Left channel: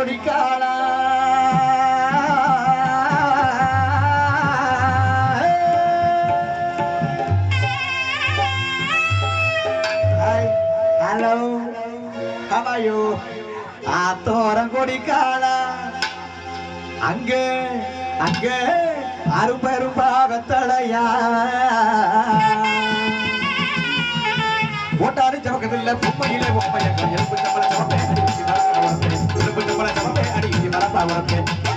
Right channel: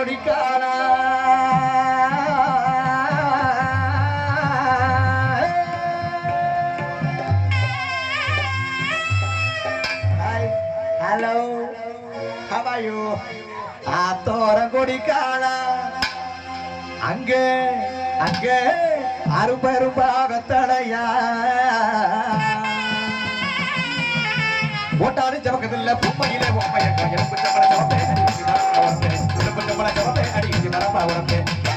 கொடிக்காரா? Hello how are you ஆத்தோரம் கொடிக்காலா அங்கே அங்கே அரும்பரும்பாக தடையா ஓட்டாரு ஜபக்கத்தில் பொம்மையிலே பொம்மையை எலும்பு சம்பளம் power of it.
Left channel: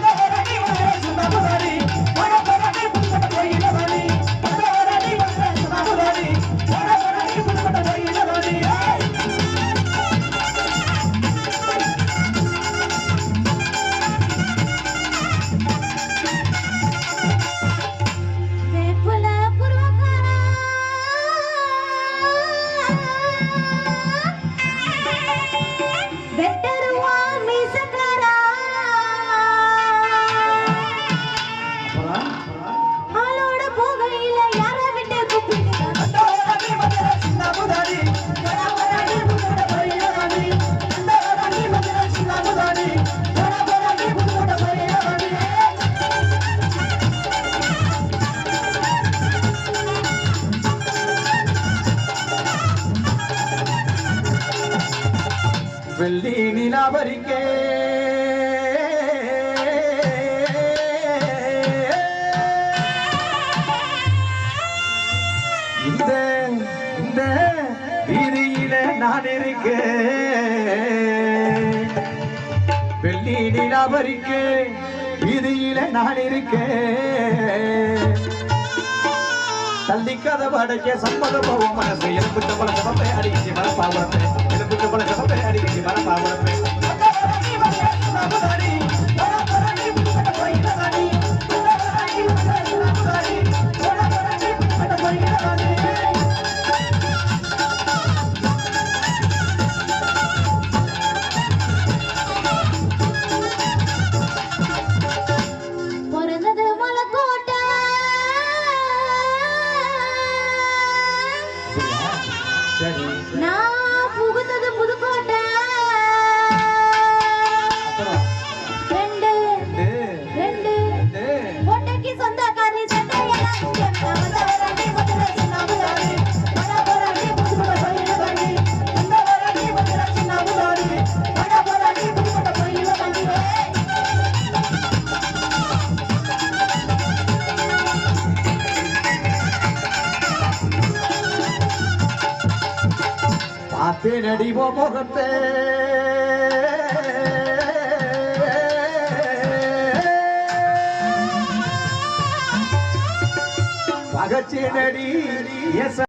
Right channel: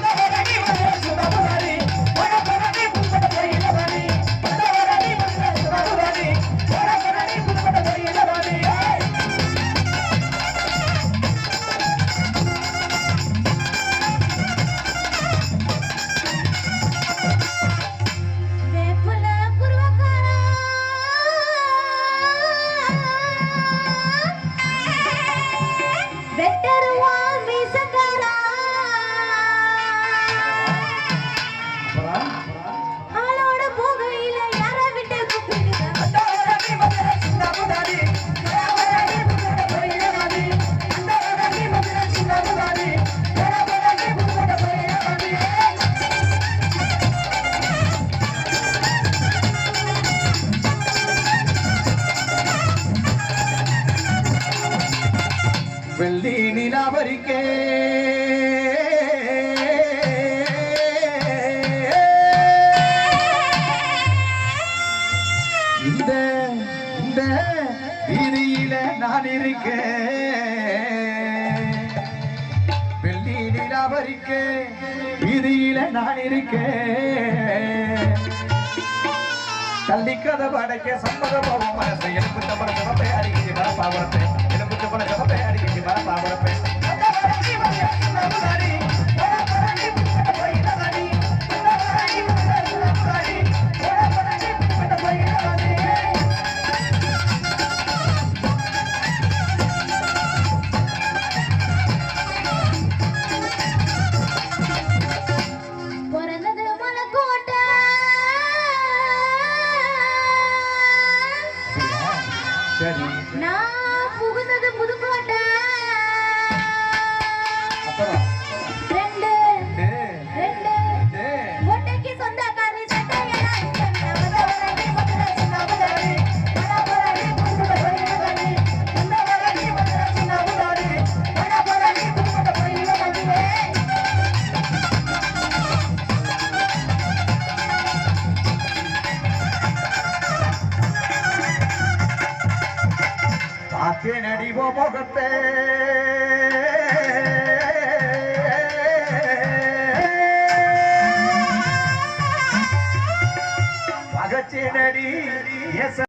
வெள்ளி நிலாபரிக்கே இந்த இந்த வீதியில நான் இருக்கேன் வெள்ளி நிலாபரிக்கே வீதியில நான் இருக்கேன் தள்ளி கதை படைக்க சம்மத போவோம் மனசு. எலும்பு சம்பள சமப்பை அடிக்கடி வர பாவரப்பே எலும்பு சம்பள சமப்பை அடிக்கடி வர சரி நான் புகுந்தது புதுக்கோட்டை. அப்புறம் பார்த்தேன் முகத்தே முகத்தை பகச்சேனடி